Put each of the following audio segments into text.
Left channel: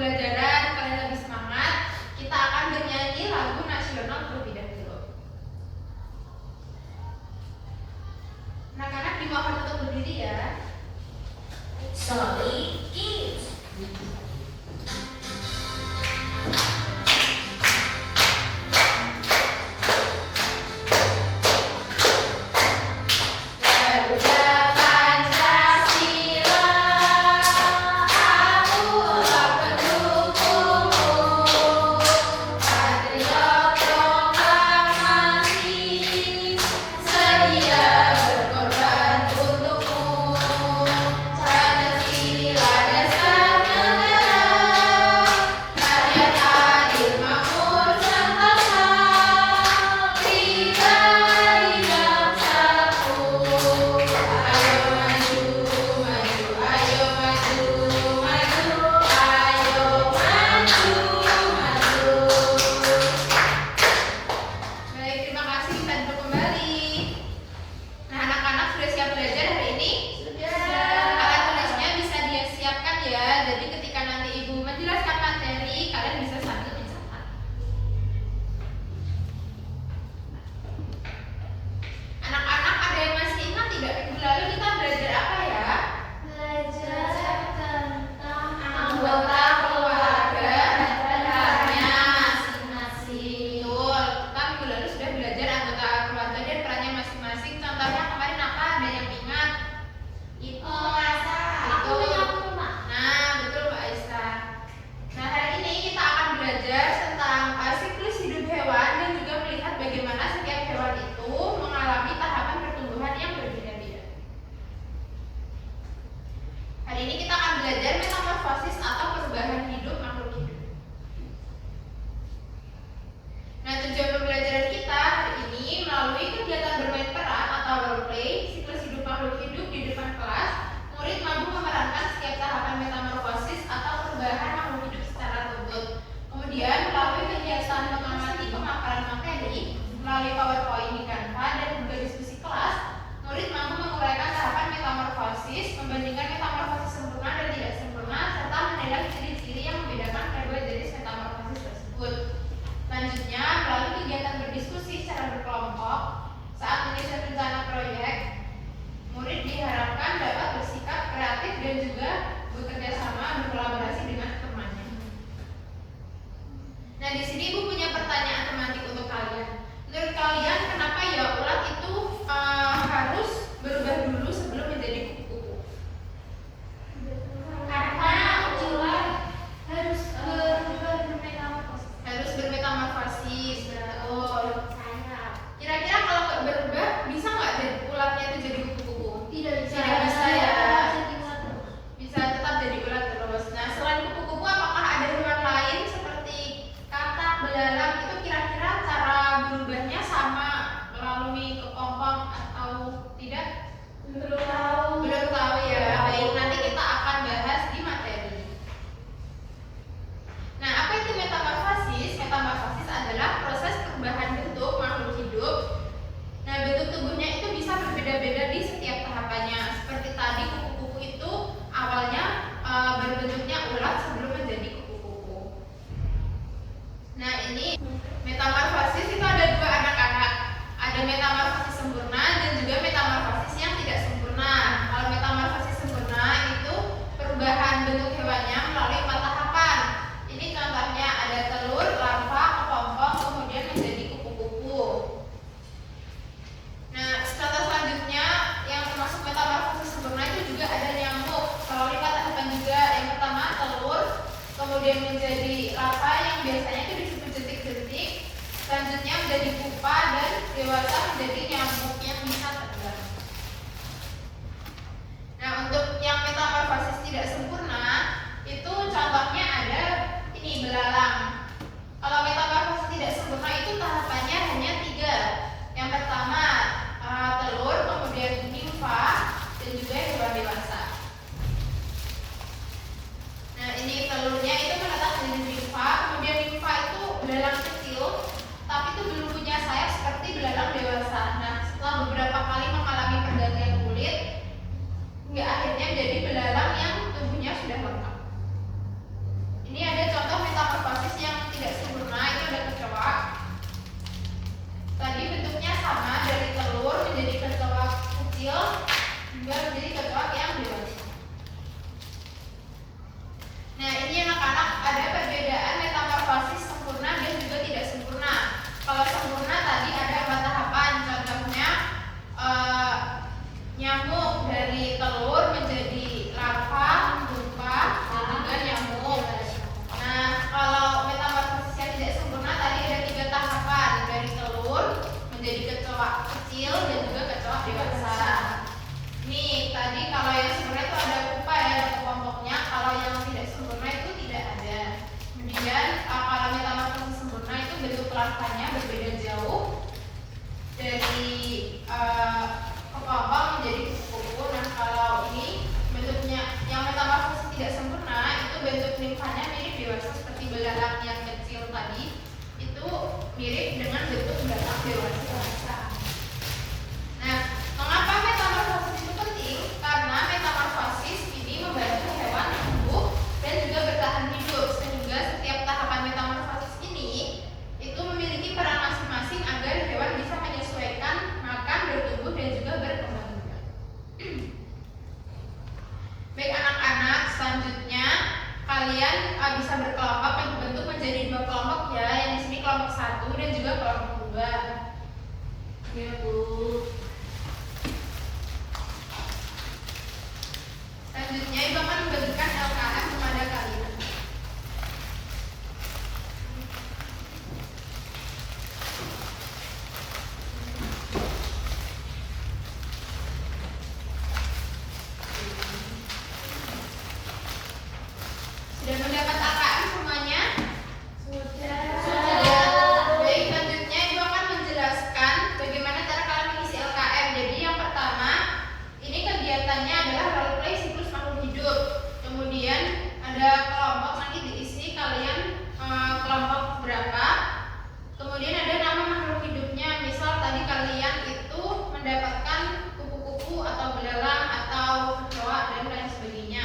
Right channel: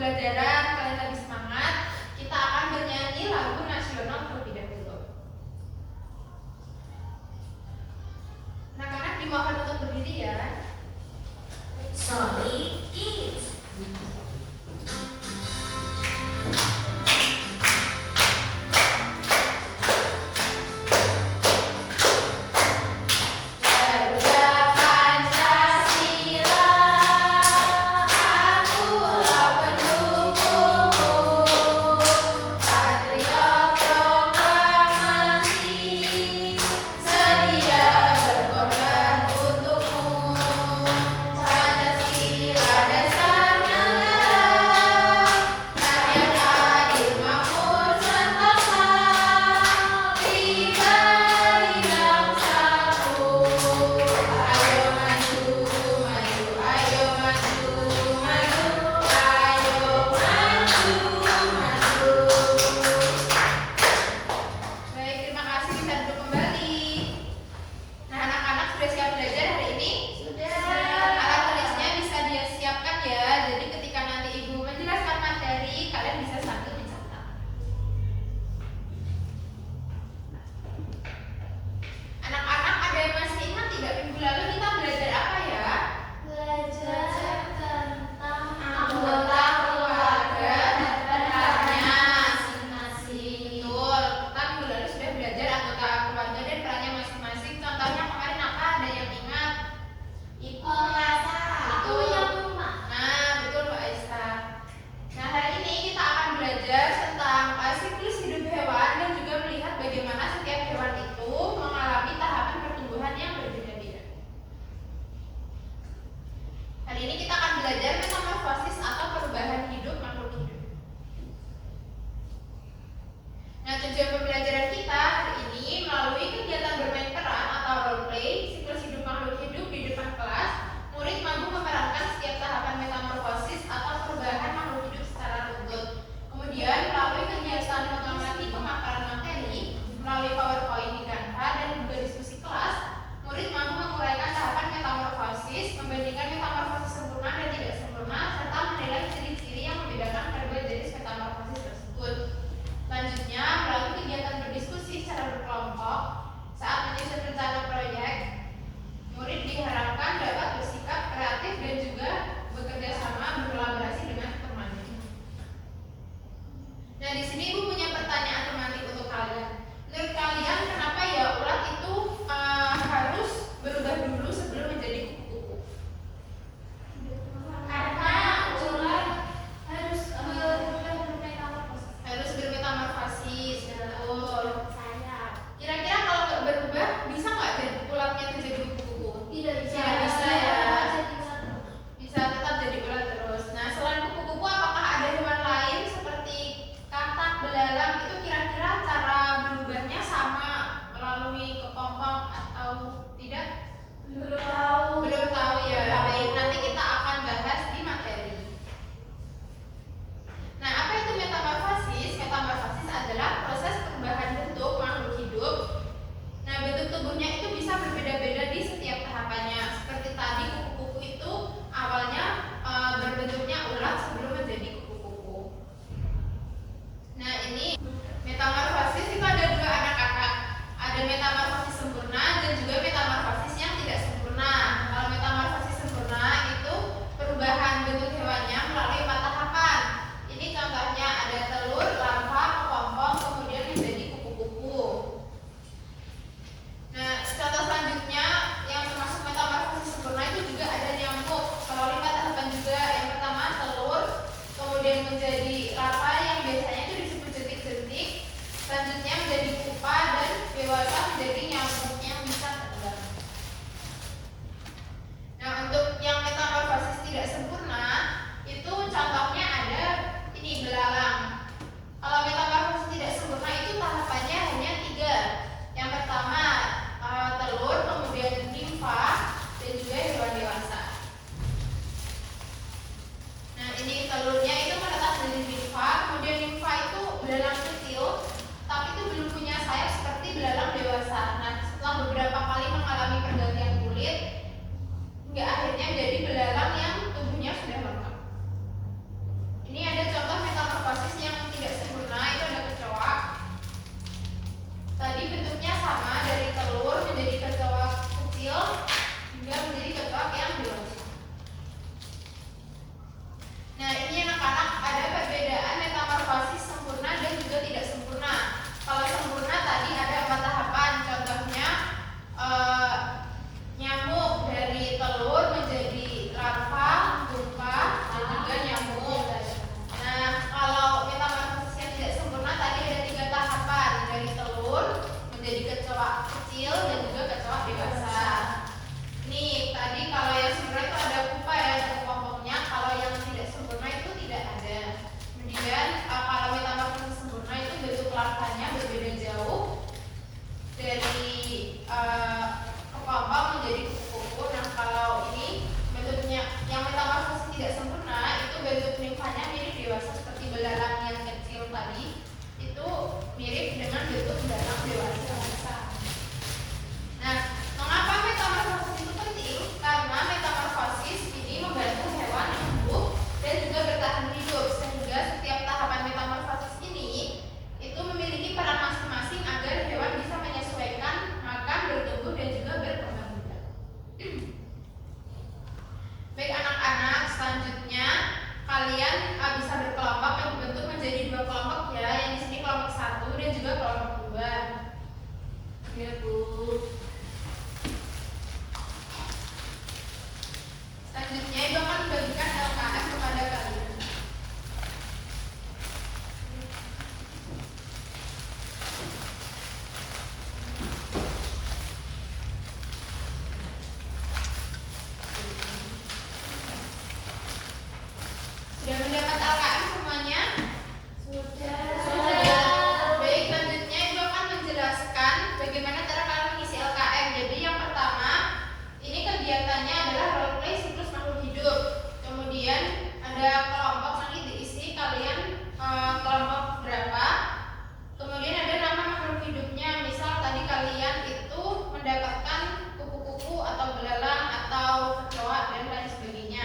pembelajaran kalian lebih semangat, kita akan bernyanyi lagu nasional terlebih dahulu. Anak-anak dimohon untuk berdiri ya. Sorry, kids. Melalui PowerPoint di Canva dan juga diskusi kelas, murid mampu menguraikan tahapan metamorfosis, membandingkan metamorfosis sempurna dan tidak sempurna, serta menilai ciri-ciri yang membedakan kedua jenis metamorfosis tersebut. Selanjutnya, melalui kegiatan berdiskusi secara berkelompok saat menyusun rencana proyek, murid diharapkan dapat bersikap kreatif dan juga bekerja sama berkolaborasi dengan temannya. Nah, di sini Ibu punya pertanyaan tematik untuk kalian. Menurut kalian kenapa ya ulat itu harus berubah dulu sebelum menjadi kupu-kupu? Karena ulat harus bermetamorfosis. Harus bermetamorfosis, betul. Kira-kira kalau nggak berubah bisa nggak ulatnya itu jadi kupu-kupu? Tidak bisa. Tidak bisa ya. Jadi ulat terus. Bisa tetap jadi ulat terus. Nah, selain kupu-kupu apakah ada hewan lain seperti katak, belalang itu kira-kira cara berubahnya sama melalui kepompong atau tidak? Belum tahu. Belum tahu ya. Baik, nanti kita akan bahas di materi. Nah, apa itu metamorfosis? Metamorfosis adalah proses perubahan bentuk makhluk hidup. Nah, bentuk tubuhnya itu bisa berbeda-beda di setiap tahapannya. Seperti tadi kupu-kupu itu awalnya berbentuknya ulat sebelum menjadi kupu-kupu. Nah, ini metamorfosis itu ada dua anak-anak. Ada metamorfosis sempurna dan juga metamorfosis yang tidak sempurna. Kalau metamorfosis sempurna itu perubahan bentuk hewannya melalui 4 tahapan. Ini contohnya ada telur, larva, kepompong, kemudian menjadi kupu-kupu. Nah, contoh selanjutnya yang termasuk metamorfosis sempurna itu juga ada nyamuk. Melalui 4 tahapan juga. Yang pertama telur, kemudian menjadi larva yang biasanya itu disebut jentik-jentik. Selanjutnya menjadi pupa dan dewasa menjadi nyamuk yang bisa terbang. Nah, untuk yang metamorfosis tidak sempurna itu contohnya ada ini belalang. Kalau metamorfosis tidak sempurna itu tahapannya hanya 3. Yang pertama telur, kemudian nimfa dan juga hewan dewasa. Nah, ini telurnya itu menetas menjadi nimfa, kemudian nimfa itu belalang kecil tapi itu belum punya sayap seperti belalang dewasa. Nah, setelah beberapa kali mengalami pergantian kulit hingga akhirnya jadi belalang yang tubuhnya tidak sempurna itu ada kecoa. Tadi bentuknya sama, dari telur menjadi kecoa kecil hingga menjadi kecoa yang dewasa. Nah, ini anak-anak ada perbedaan metamorfosis sempurna dan juga tidak sempurna. Kalau sempurna tadi ada 4 tahapan, contohnya nyamuk dari telur menjadi larva, pupa, dan juga nyamuk. Nah, kalau metamorfosis yang tidak sempurna tadi ada 3 tahapan, dari telur menjadi kecoa kecil dan juga kecoa dewasa. Nih, tadi kalau yang sempurna itu ada pupa ya, ada kelompoknya. Kalau yang tidak sempurna itu tidak ada. Kemudian kalau metamorfosis sempurna itu bentuk larvanya berbeda jauh dari kepompong menjadi kupu-kupu. Nah, kalau ini bentuknya yang metamorfosis tidak sempurna itu bentuk nimfanya mirip dewasa seperti belalang yang kecil tadi. Itu mirip dengan bentuk belalang dewasa. Nah, mengapa metamorfosis itu penting? Karena metamorfosis ini membantu hewan tumbuh dan juga bertahan hidup, sehingga setiap tahapan metamorfosis ini itu memiliki peran masing-masing agar hewan bisa menyesuaikan makan, bertumbuh, dan juga berkembang biak. Baik anak-anak, selanjutnya kalian bisa berkelompok bentuk menjadi 2 kelompok ya. Yang di sini kelompok 1 dan juga kelompok 2. Ya, Bu. Selanjutnya Ibu akan membagikan LKM kepada kalian. Sudah mendapat LKM semuanya? Sudah. Baik, selanjutnya Ibu akan menjelaskan bagaimana cara kalian mengisi LKM. Jadi yang pertama, ini kegiatannya adalah role play siklus makhluk hidup. Kemudian ada kelompok, nanti diisi kalian kelompok berapa. Kemudian ada nama makhluk hidupnya. Misal tadi kalian itu mendapatkan kupu-kupu atau belalang atau kecoa dan lain sebagainya.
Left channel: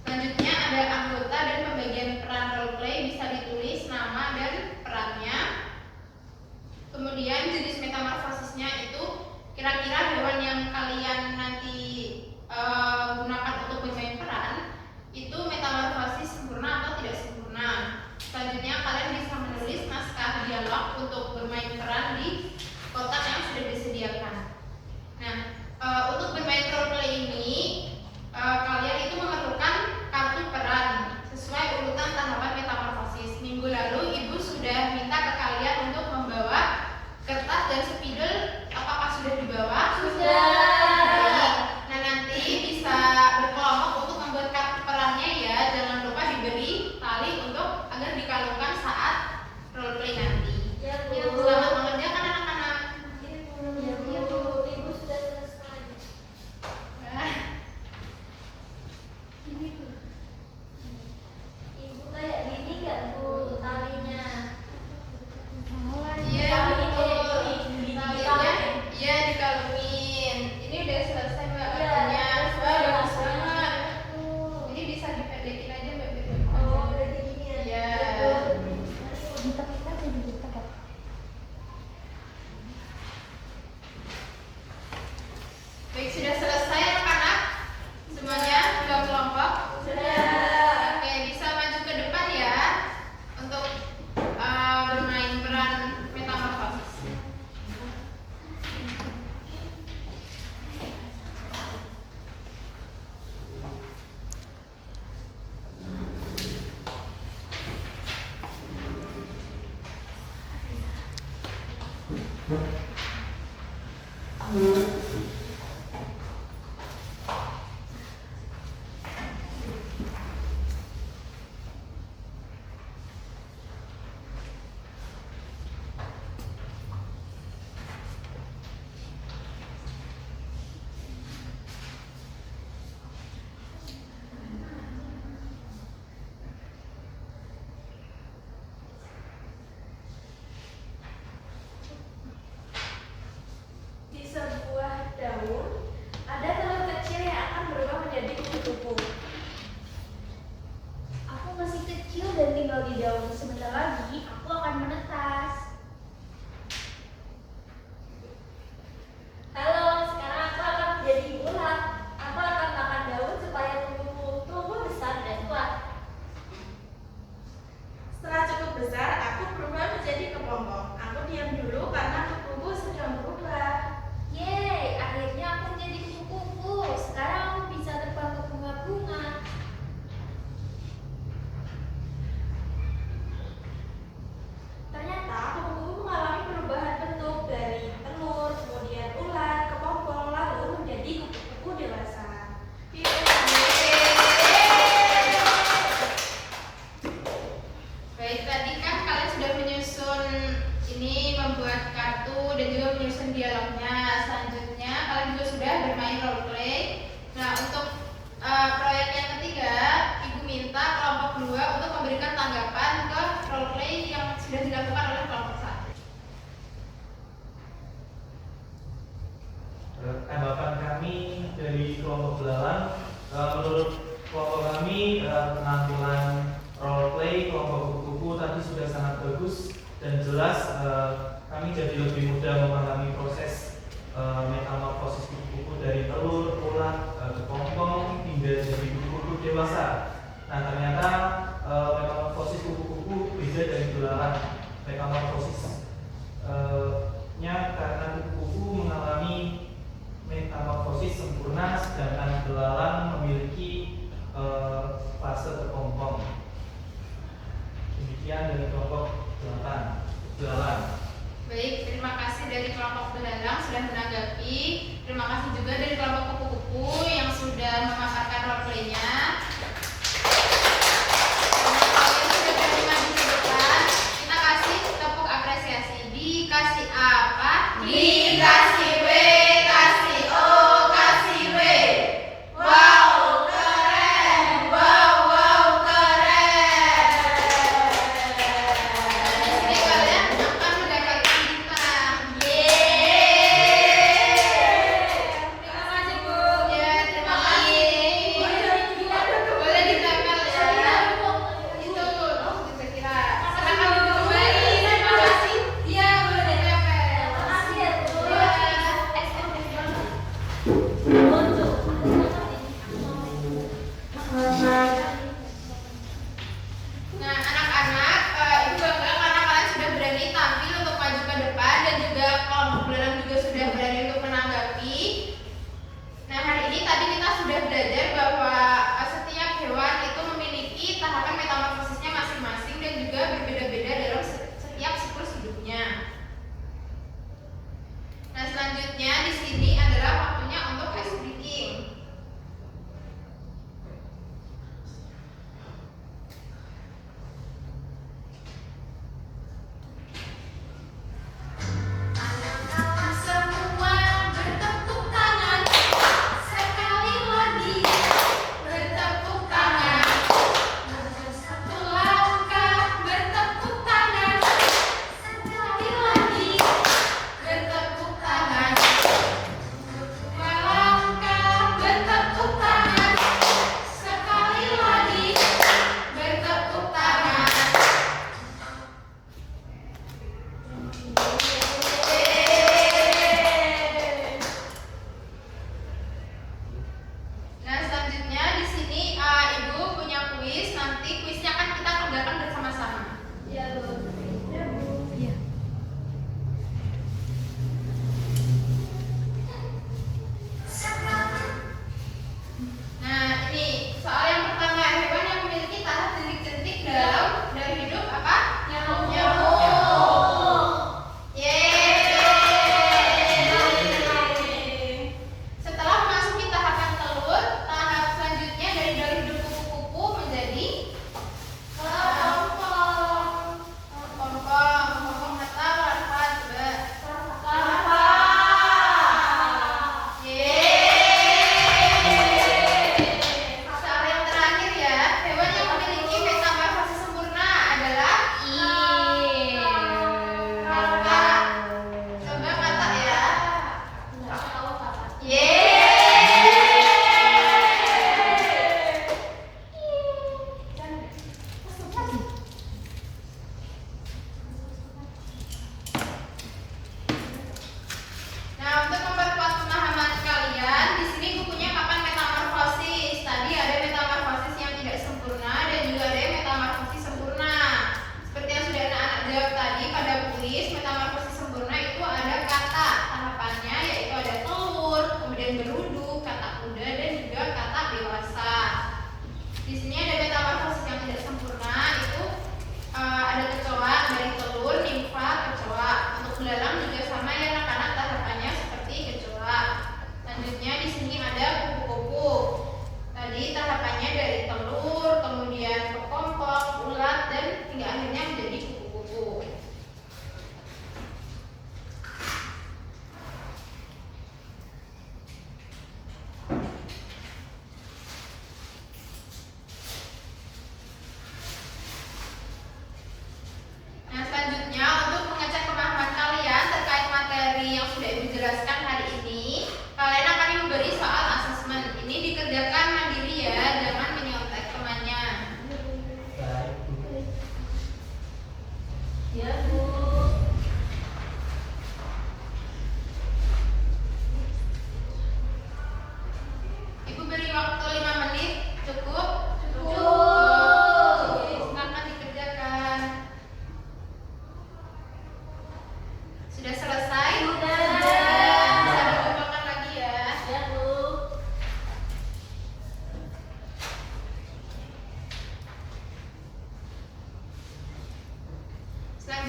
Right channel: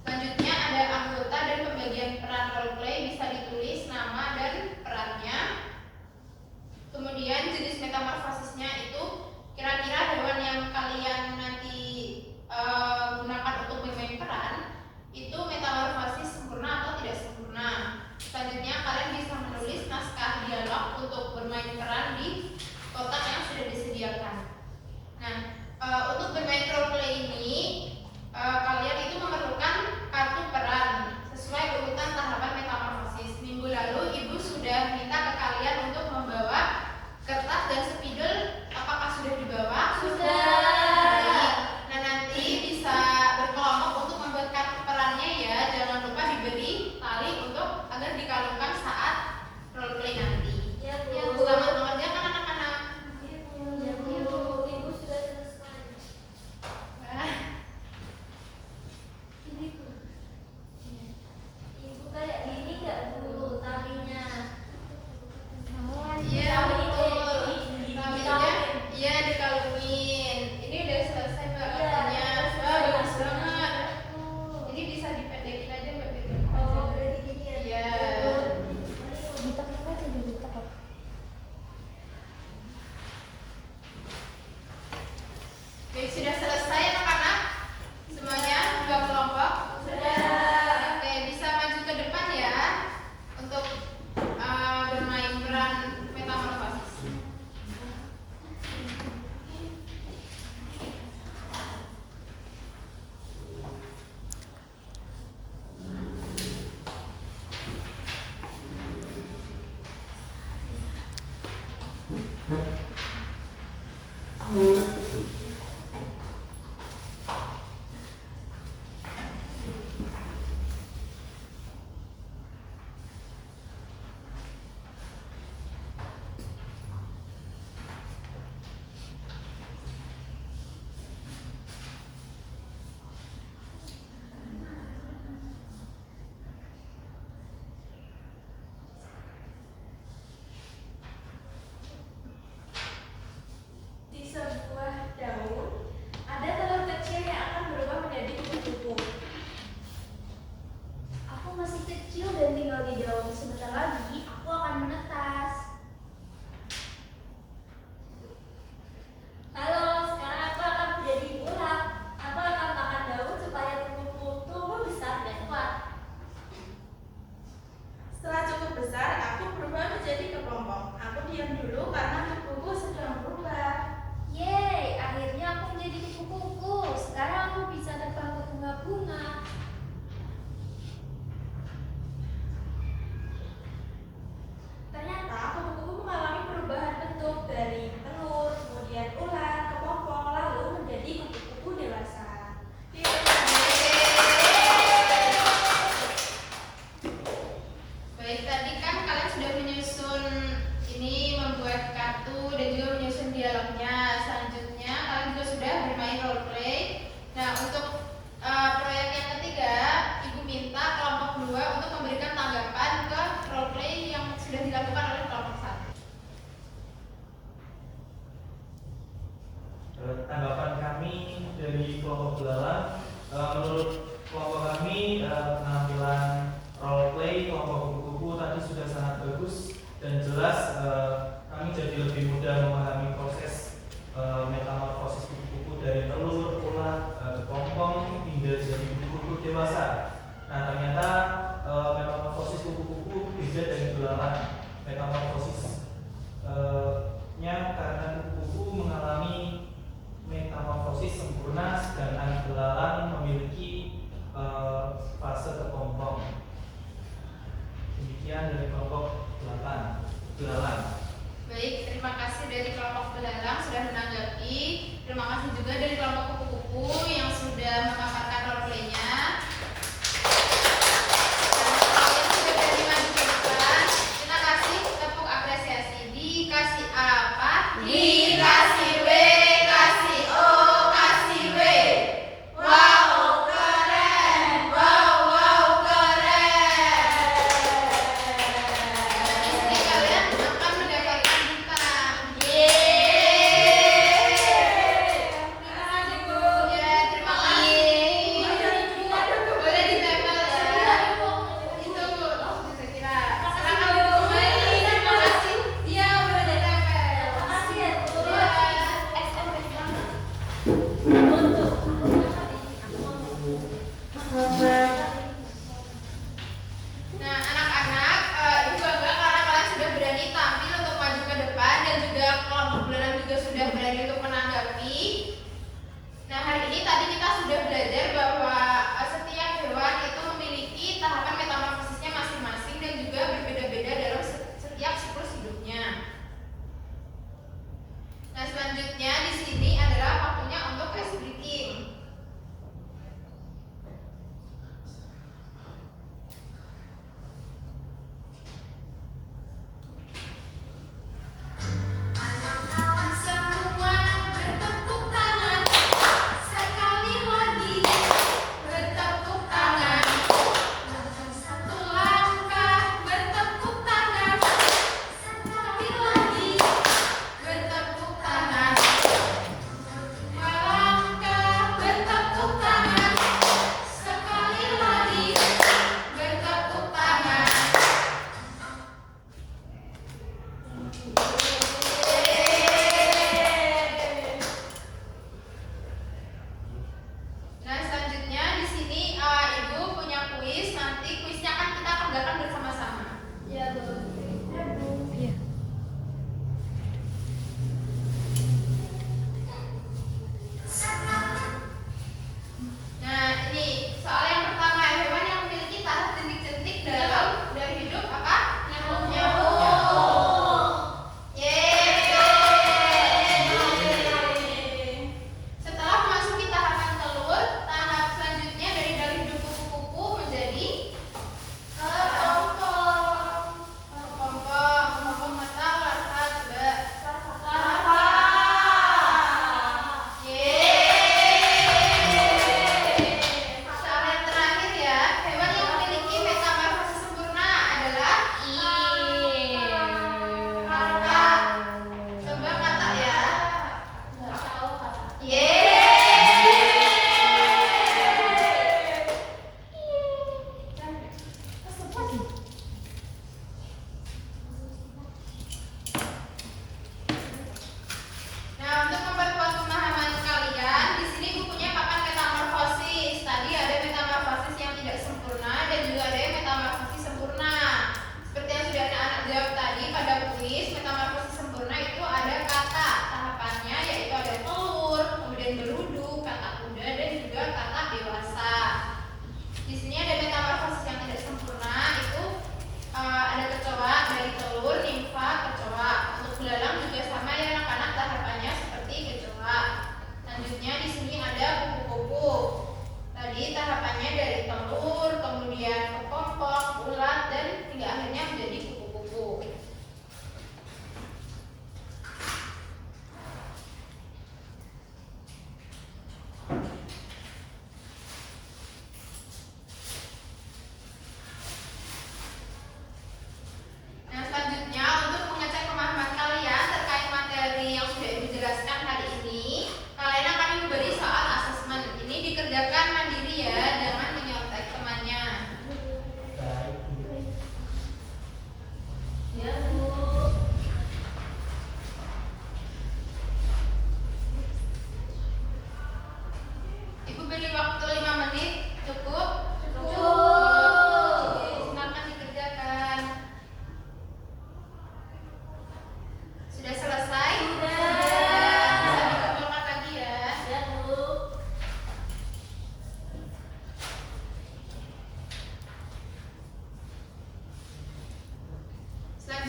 Selanjutnya ada anggota dan pembagian peran role play, bisa ditulis nama dan perannya. Kemudian jenis metamorfosisnya itu kira-kira hewan yang kalian nanti gunakan untuk bermain peran itu metamorfosis sempurna atau tidak sempurna. Selanjutnya kalian bisa menulis naskah dialog untuk bermain peran di kotak yang sudah disediakan. Nah, untuk bermain role play ini kalian itu memerlukan kartu peran sesuai urutan tahapan metamorfosis. Minggu lalu Ibu sudah minta ke kalian untuk membawa kertas dan spidol. Apakah sudah dibawa? Sudah. Baik. Nah, nanti bisa berkelompok untuk membuat kartu perannya ya. Jangan lupa diberi tali untuk agar dikalungkan saat role play nanti. Ya, Bu. Ya, selamat mengerjakan anak-anak. Ya, Bu. Ibu sudah selesai. Wah. Ini, Bu. Ibu kayak gini nggak, Bu, talinya? Iya, betul. Dikalungin. Iya, dikalungin. Ini udah selesai Mbak Iya, kartunya. sudah Wah, bagus selesai. banget. Bu. Ini bisa dipendekin aja Mbak. Oh, berarti gini ya. Iya. Baik, sudah selesai anak-anak? Semuanya 2 kelompok? Sudah. Oke, bisa maju ke depan ya untuk bermain peran metamorfosis. Di sebuah daun ada telur kecil yang akan berubah menjadi kupu-kupu. Aku masih kecil dan tinggal di daun. Sebentar lagi besar, aku berubah menjadi kepompong. Aku diam dulu karena kukuku sedang berubah. Yeay, akhirnya aku menjadi kupu-kupu. Sekarang aku bisa terbang ke bunga-bunga. Ternyata kupu-kupu mengalami perubahan bentuk dari telur, kemudian ular, kepompong, lalu menjadi kupu-kupu dewasa. Baik, tadi kan kalian sudah menyusun ini, membuat kartu dan juga menyusun dialognya. Selanjutnya kalian juga sudah bermain role play. Nah, untuk proyek yang ketiga, Ibu minta kelompok 2 untuk memberikan tanggapan ke role play yang sudah dilakukan oleh kelompok 1. Tanggapan kami dari kelompok belalang, menurut kelompok kami penampilan role play kelompok kupu-kupu tadi sudah sangat bagus dan jelas. Kami jadi lebih mudah memahami proses metamorfosis kupu-kupu dari telur, ular, kepompong hingga jadi kupu-kupu dewasa. Nah, ternyata metamorfosis kupu-kupu beda dari belalang. Metamorfosis nya karena kupu-kupu mengalami metamorfosis sempurna, sedangkan belalang memiliki fase kepompong. Demikian dari kelompok belalang. Baik, terima kasih dari kelompok belalang sudah menanggapi. Terima kasih juga dari kelompok kupu-kupu yang sudah memaparkan role play-nya. Kalian sudah berani maju ke depan. Kita kasih tepuk apresiasi. Dikasih apa? Dikasih W, kasih O, kasih W. Wow, keren. Wow, keren. Jadi kalian akan mendapatkan bintang. Terima kasih, Bu. Ya, terima kasih. Boleh ditempel ya. Itu bisa kira. Silakan duduk kembali. Terima kasih. Iya, boleh ditempel. Makasih ya, Bu. Ya. Nah, anak-anak, Ibu bangga karena kalian sudah berani tampil untuk maju ke depan dan juga kelompok belalang juga sudah berani untuk menanggapi. Nah, hari ini tadi kita sudah belajar bahwa setiap hewan itu memiliki tahapan metamorfosisnya masing-masing dan juga berbeda-beda dalam setiap siklus hidupnya. Nah, selanjutnya di sini adalah waktunya untuk ice breaking. Kawan semua bertepuk tangan sekali lagi.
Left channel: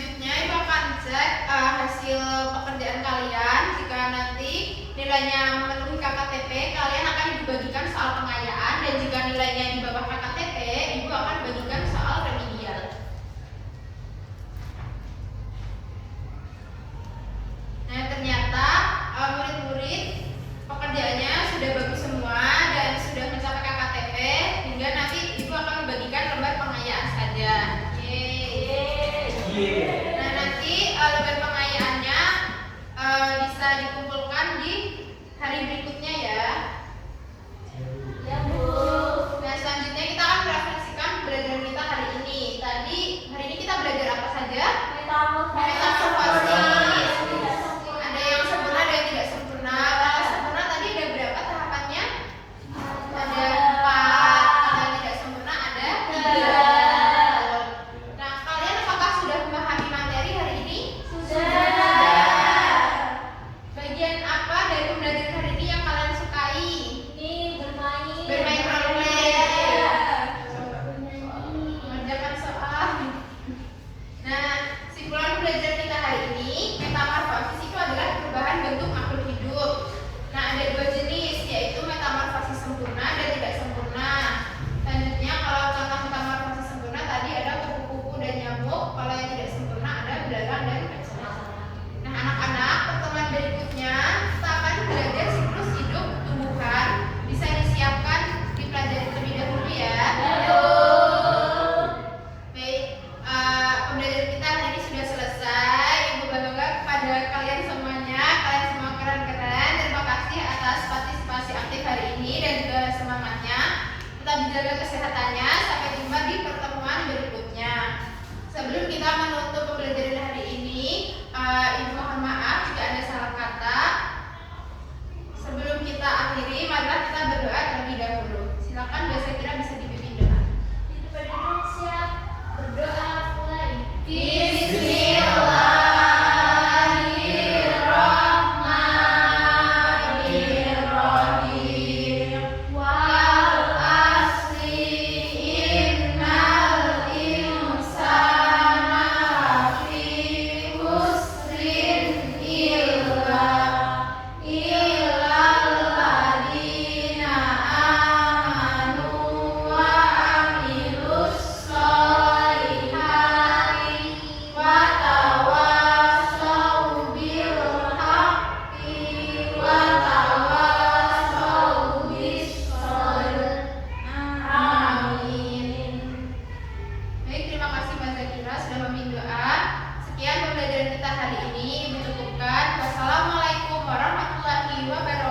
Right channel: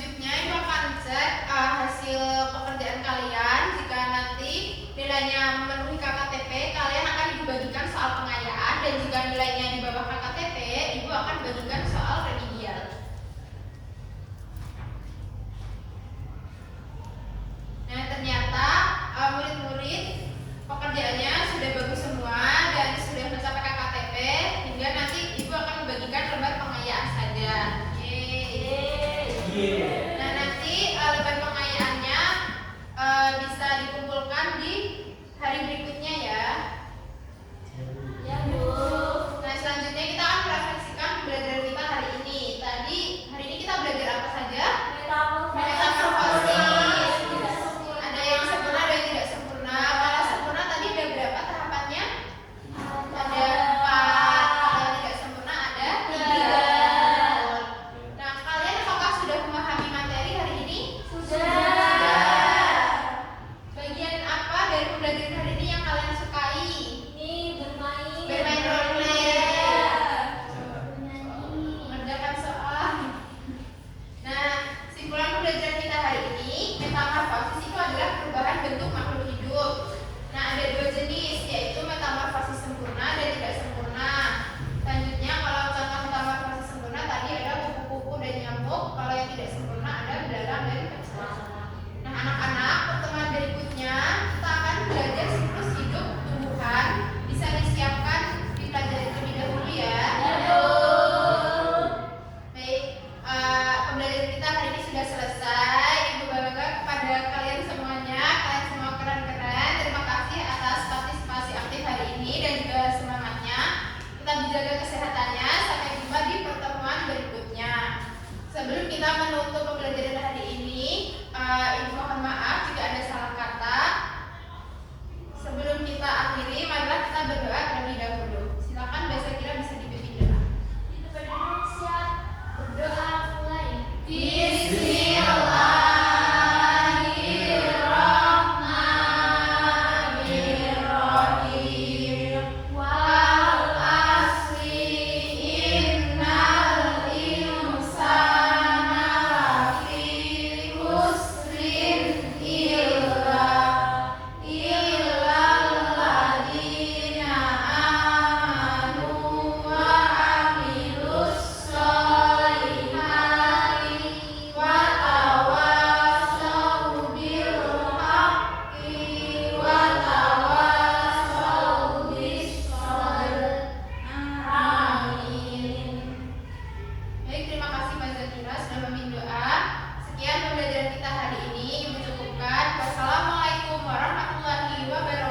Selanjutnya Ibu akan cek hasil pekerjaan kalian. Jika nanti nilainya memenuhi KKTP, kalian akan dibagikan soal pengayaan, dan jika nilainya di bawah KKTP, Ibu akan bagikan soal remedial. Nah, ternyata murid-murid pekerjaannya sudah bagus semua dan sudah mencapai KKTP, hingga nanti Ibu akan membagikan lembar pengayaan saja. Yeay. Nah, nanti lembar pengayaannya bisa dikumpulkan di hari berikutnya ya. Ya, Bu. Nah, selanjutnya kita akan merefleksikan pembelajaran kita hari ini. Hari ini kita belajar apa saja? Metamorfosis. Ada yang sempurna, ada yang tidak sempurna. Kalau sempurna tadi ada berapa tahapannya? Ada 4. Kalau yang tidak sempurna ada 3. Nah, kalian apakah sudah memahami materi hari ini? Bagian apa dari pembelajaran hari ini yang kalian sukai? Bermain role play. Mengerjakan soal. Nah, simpulan pembelajaran kita hari ini, metamorfosis itu adalah perubahan bentuk makhluk hidup. Nah, ada 2 jenis, yaitu metamorfosis sempurna dan tidak sempurna. Selanjutnya, kalau contoh metamorfosis sempurna tadi ada kupu-kupu dan nyamuk. Kalau yang tidak sempurna ada belalang dan kecoa. Nah, anak-anak, pertemuan berikutnya kita akan belajar siklus hidup tumbuhan. Bisa disiapkan dipelajari terlebih dahulu ya. Baik, pembelajaran kita hari ini sudah selesai. Ibu bangga kepada kalian semuanya. Kalian semua keren-keren. Terima kasih atas partisipasi aktif hari ini dan juga semangatnya. Tetap dijaga kesehatannya. Sampai jumpa di pertemuan berikutnya. Sebelum kita menutup pembelajaran hari ini, Ibu mohon maaf jika ada salah kata. Sebelum kita akhiri, marilah kita berdoa terlebih dahulu. Silakan Mbak Zakira bisa dipimpin doa. Berdoa mulai. Bismillahirrahmanirrahim. Wal asri innal insana lafi khusrin illa alladzina amanu wa amilus sholihati wa tawassaw bil haqqi wa tawassaw bis sabr. Amin. Baik, terima kasih Mbak Zakira sudah memimpin doa. Sekian pembelajaran kita hari ini. Ibu cukupkan. Wassalamualaikum warahmatullahi wabarakatuh.